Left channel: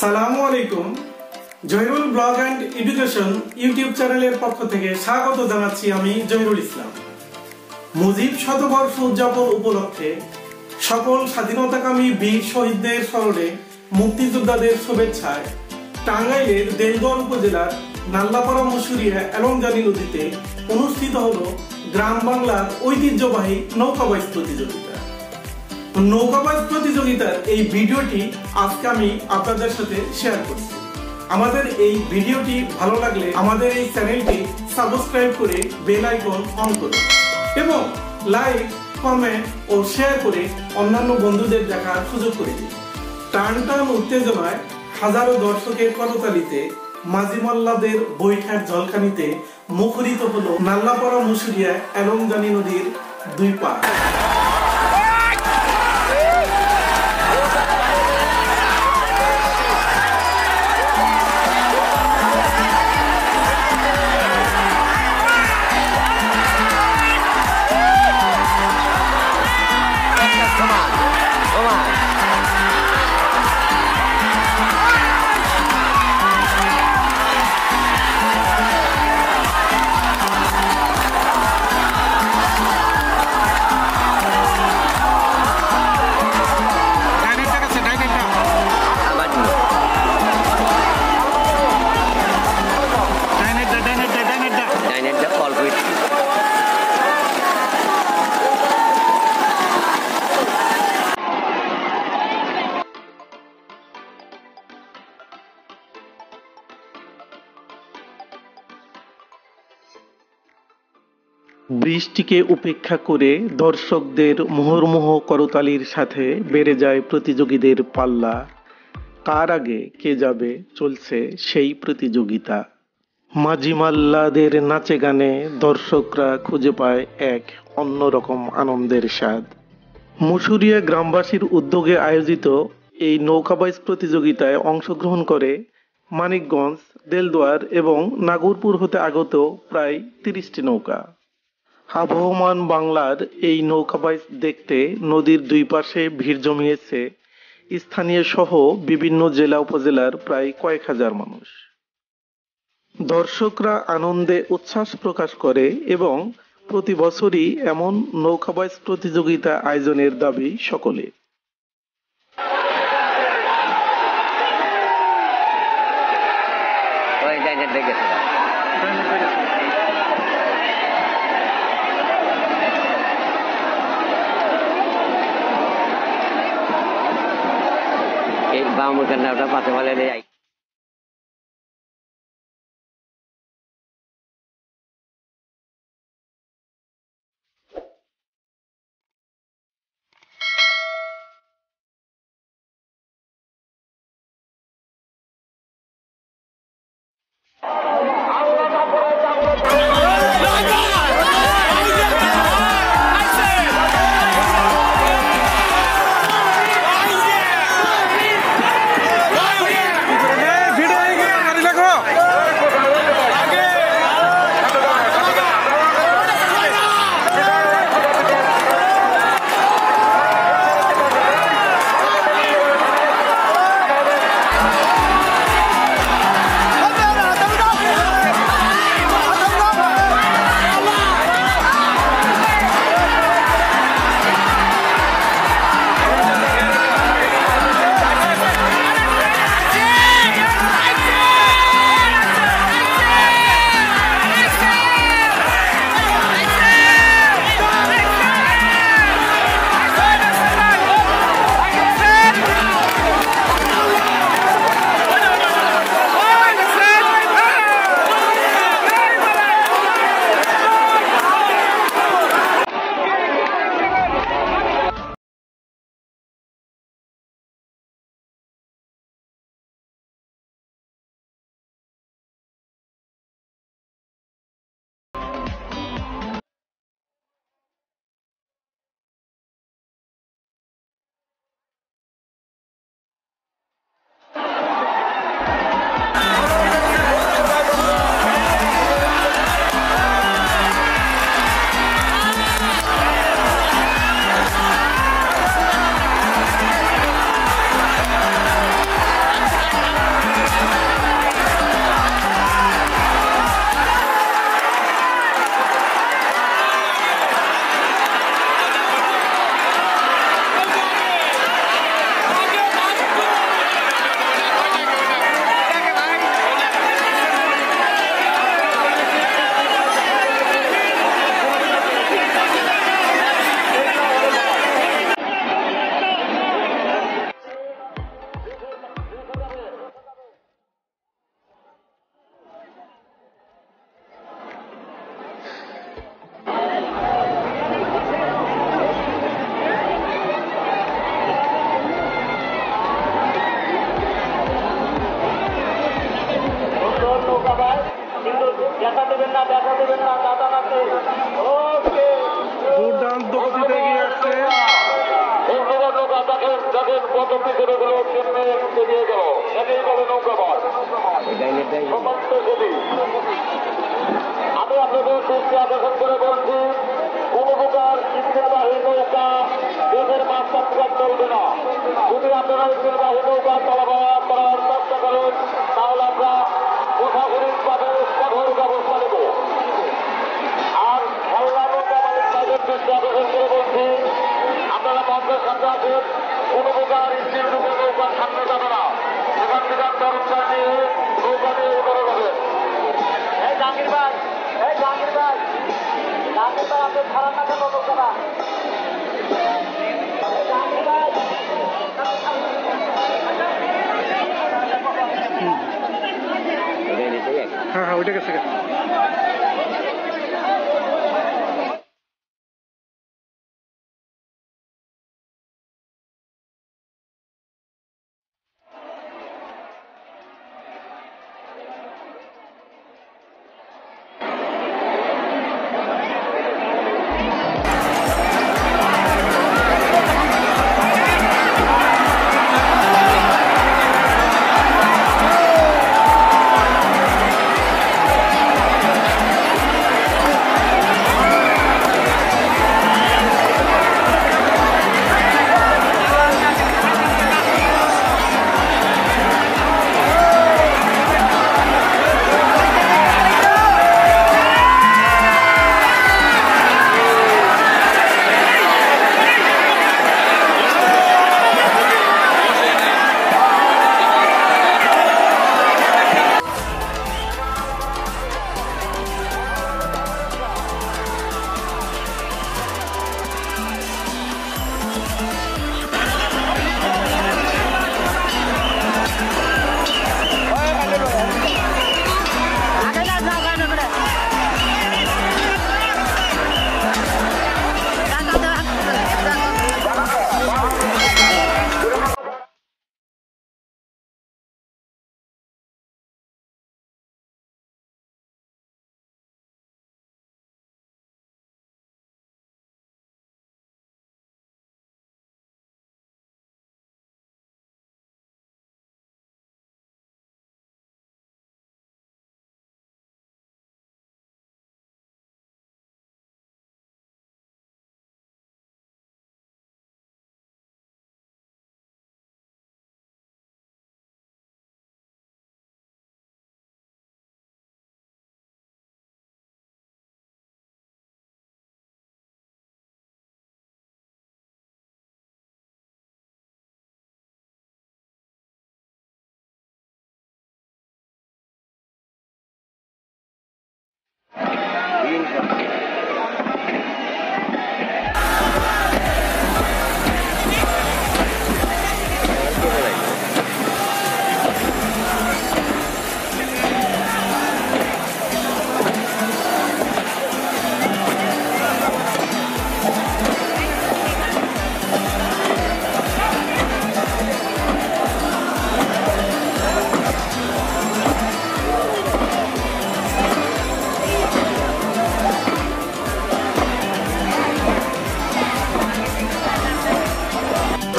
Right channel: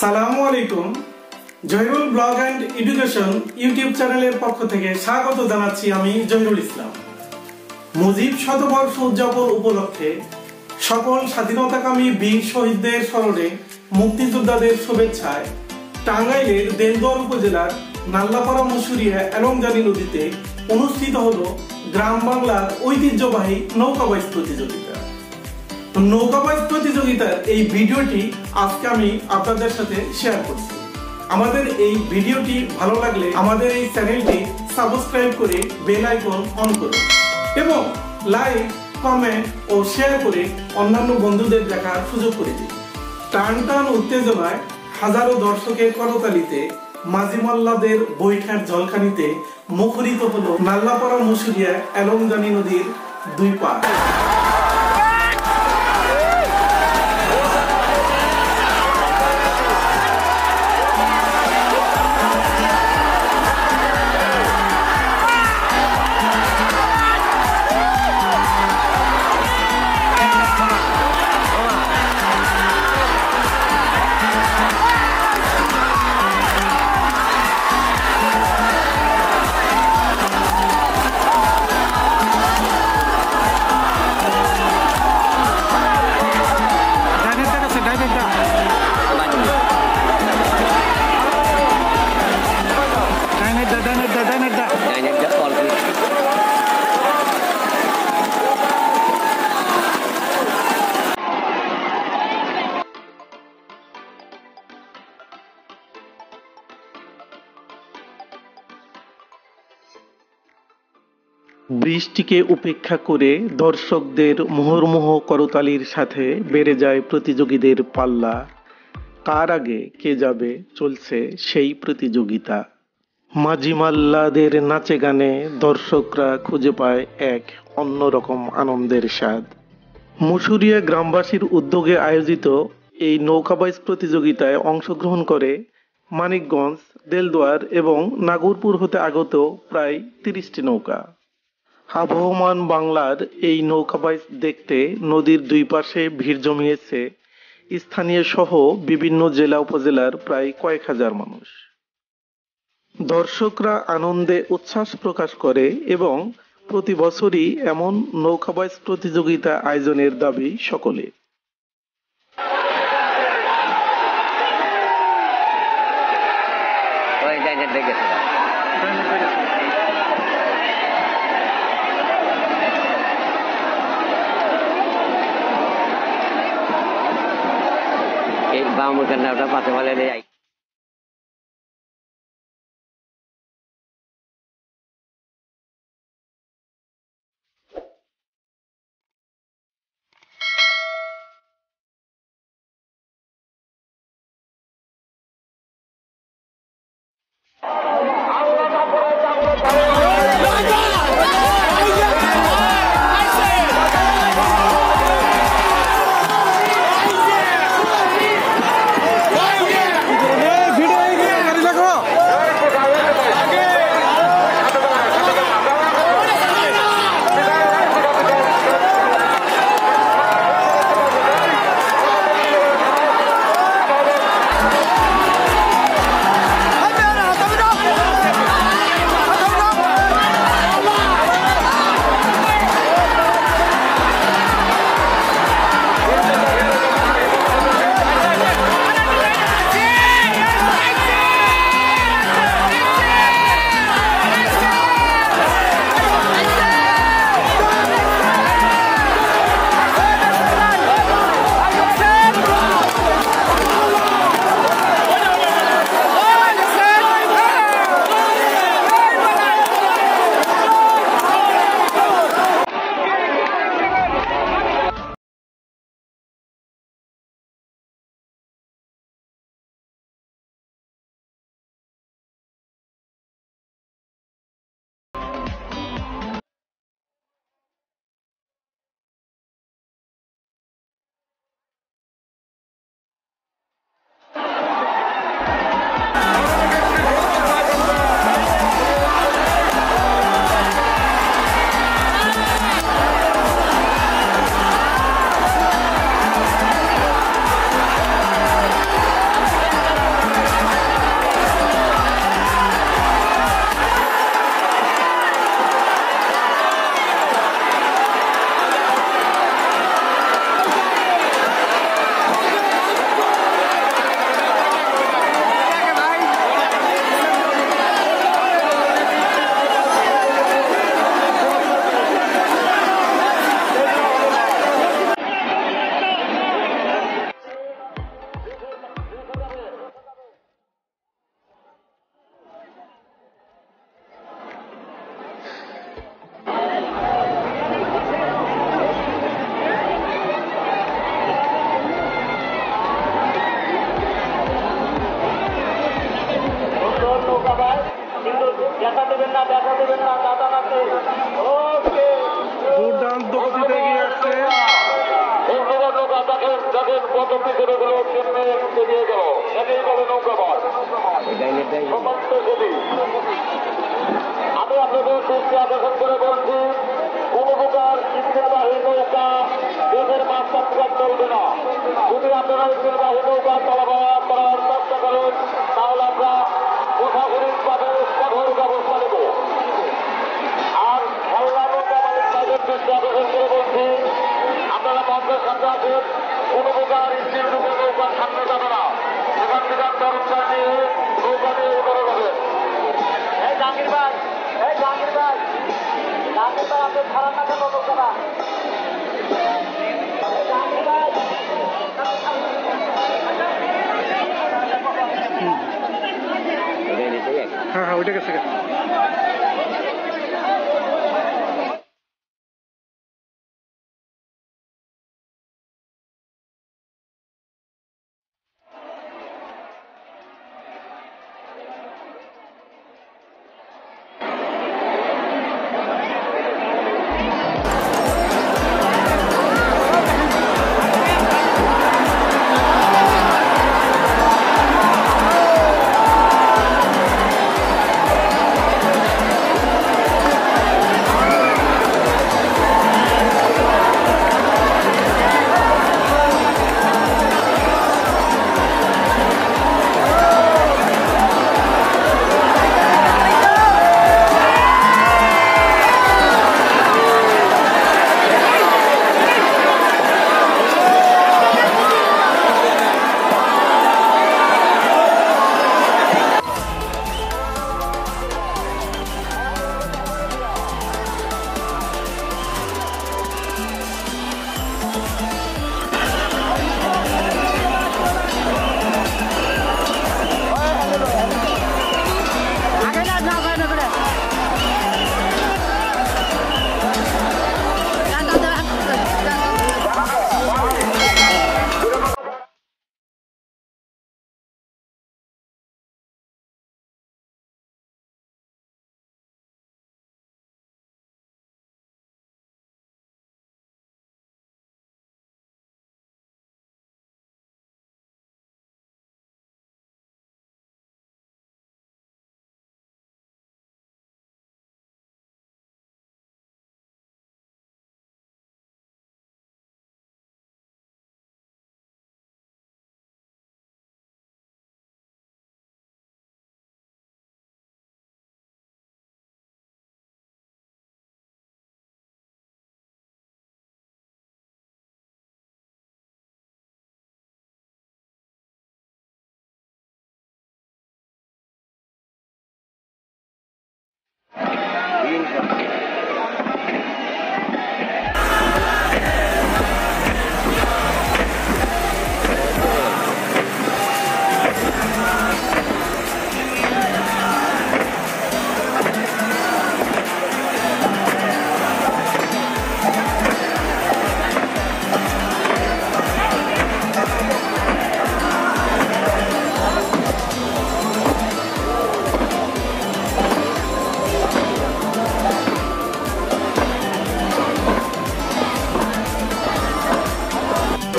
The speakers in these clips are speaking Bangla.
সালামু আলাইকুম। Zahirul blog and education YouTube চ্যানেলের পক্ষ থেকে স্বাগত জানাচ্ছি আমি জহিরুল ইসলাম। মুজিব শতবর্ষ উদযাপন উপলক্ষে সকল স্বাধীনতাকামী বীর শহীদদের স্মরণে মুক্তিযোদ্ধাদের শুভেচ্ছায় টাঙ্গাইলের দেলদুয়ার উপজেলার নাল্লাপাড়া মুশুরিয়া এলংজানি নদীতে অনুষ্ঠিত হলো গ্রাম বাংলার ঐতিহ্যবাহী নৌকাবাইজ প্রতিযোগিতা। নৌকাবাইজ প্রতিযোগিতার এই ভিডিওটি আজকে আমি আপনাদের সাথে শেয়ার করছি। আমাদের এই ভিডিওটি ভালো লাগলে আমাদের এই চ্যানেলটি সাবস্ক্রাইব করে বেল আইকন অন করুন এবং লাইক, কমেন্ট ও শেয়ার করে অন্যান্য বন্ধুদের দেখার সুযোগ করে দিন। টান টান উত্তেজনায় হাজারো দর্শকের করতালিতে মাঝিমাল্লাদের বৈঠার ঝলকানিতে মুখরিত হলো নাল্লাপাড়া মুশুরিয়া এলংজানি নদীর দুই পাড়। বৃষ্টিকে উপেক্ষা করে দর্শকদের মুহুর্মুহ করতালির সাথে বেড়ে যায় প্রতিযোগীদের পাল্লা। কার আগে কে যাবে চলছে সেই প্রতিযোগিতা। মাঝিমাল্লাদের নাচে গানে দর্শকরা খুঁজে পায় এক অন্যরকম আনন্দের স্বাদ। মুশুরিয়া গ্রামবাসীর উদ্যোগে আয়োজিত এই নৌকাবাইজ প্রতিযোগিতায় অংশগ্রহণ করে মানিকগঞ্জ, দেলদুয়ার এবং নাগরপুর হতে আগত প্রায় 30টি নৌকা। আবহমান বাংলার এই নৌকাবাইজ দেখতে নদীর দুই পাশে ভিড় জমিয়েছে স্থানীয় সহ বিভিন্ন জেলা উপজেলার প্রায় কয়েক হাজার মানুষ। দর্শকরা আনন্দে উচ্ছ্বাস প্রকাশ করে এবং প্রতি বছরই এমন নৌকাবাইজ প্রতিযোগিতা আয়োজনের দাবি সকলে। এই বামুর কান্নাটা পাতে বলে যাই। ছেলেগুলো কেমনে বেরিয়ে গেল এটাই বলে নৌকা বল আমি আপনাদের দৃষ্টি আকর্ষণ করে বলছি কোন প্রকার ইঞ্জিনবাহী নৌকা দেশের মাঝখান চলবে না। যদি আপনারা ইঞ্জিনবাহী নৌকা চলাফেরা করার চেষ্টা করেন তাহলে আমরা প্রশাসনিকভাবে কঠোর ব্যবস্থা নেব। আর খেলনা নৌকা মালিক তাদের দৃষ্টি আকর্ষণ করে বলছি আপনারা মঞ্চের সামনে আছেন, কোন প্রকার ইঞ্জিন রূপে নৌকার সামনে যাবে না। সেখান থেকে তরফটা নিয়ে নৌকা নিয়ে করে যাবেন। এই জাহাঙ্গীর ভাই, এই জাহাঙ্গীর ভাই, জাহাঙ্গীর ভাই আপনি খারাপ না কেন নৌকাটা? জাহাঙ্গীর ভাই হ্যাঁ ওইটা গেছে।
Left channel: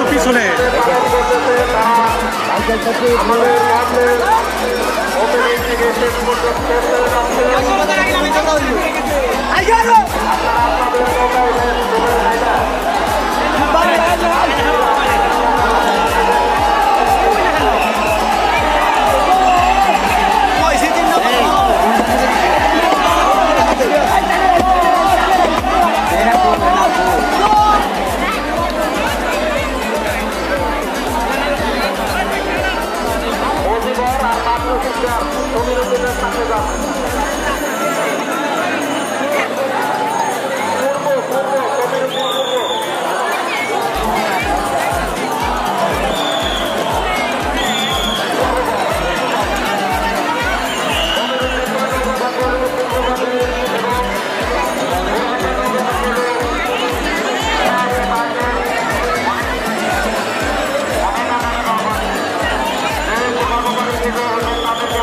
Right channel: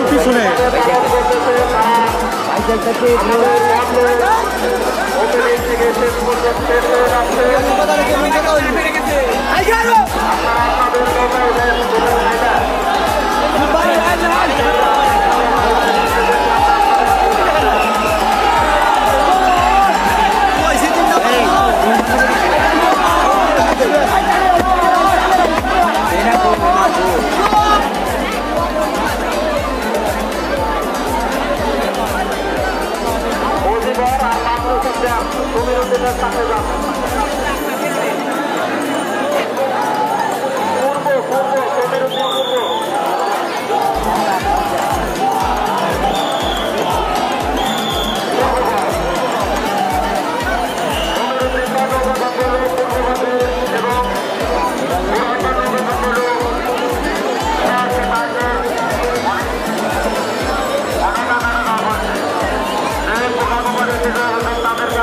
পিছনে তাদেরকে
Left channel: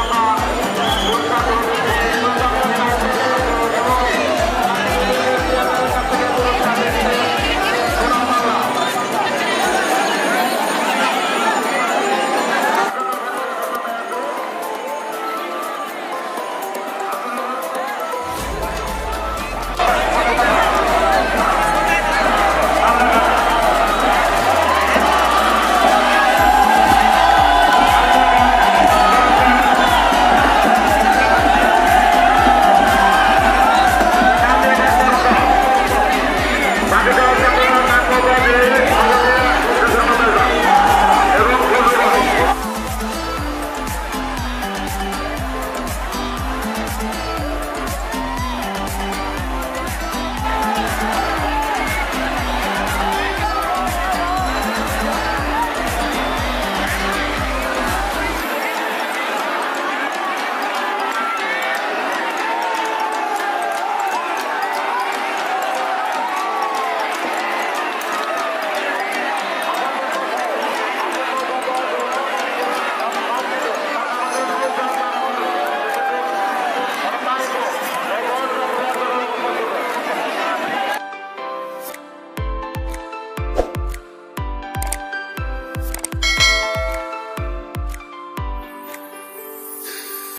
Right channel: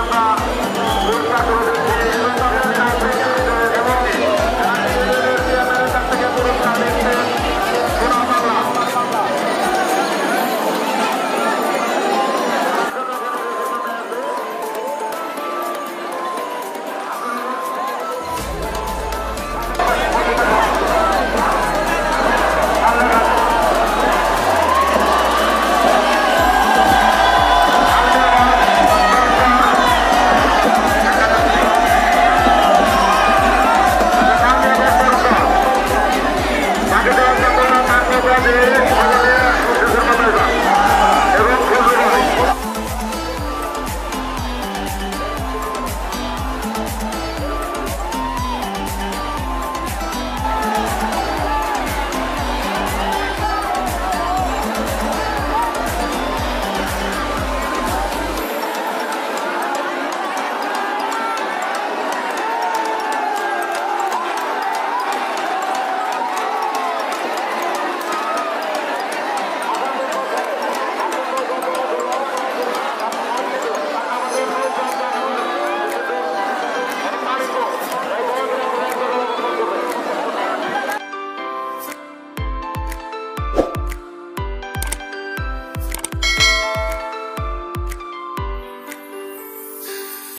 আমরা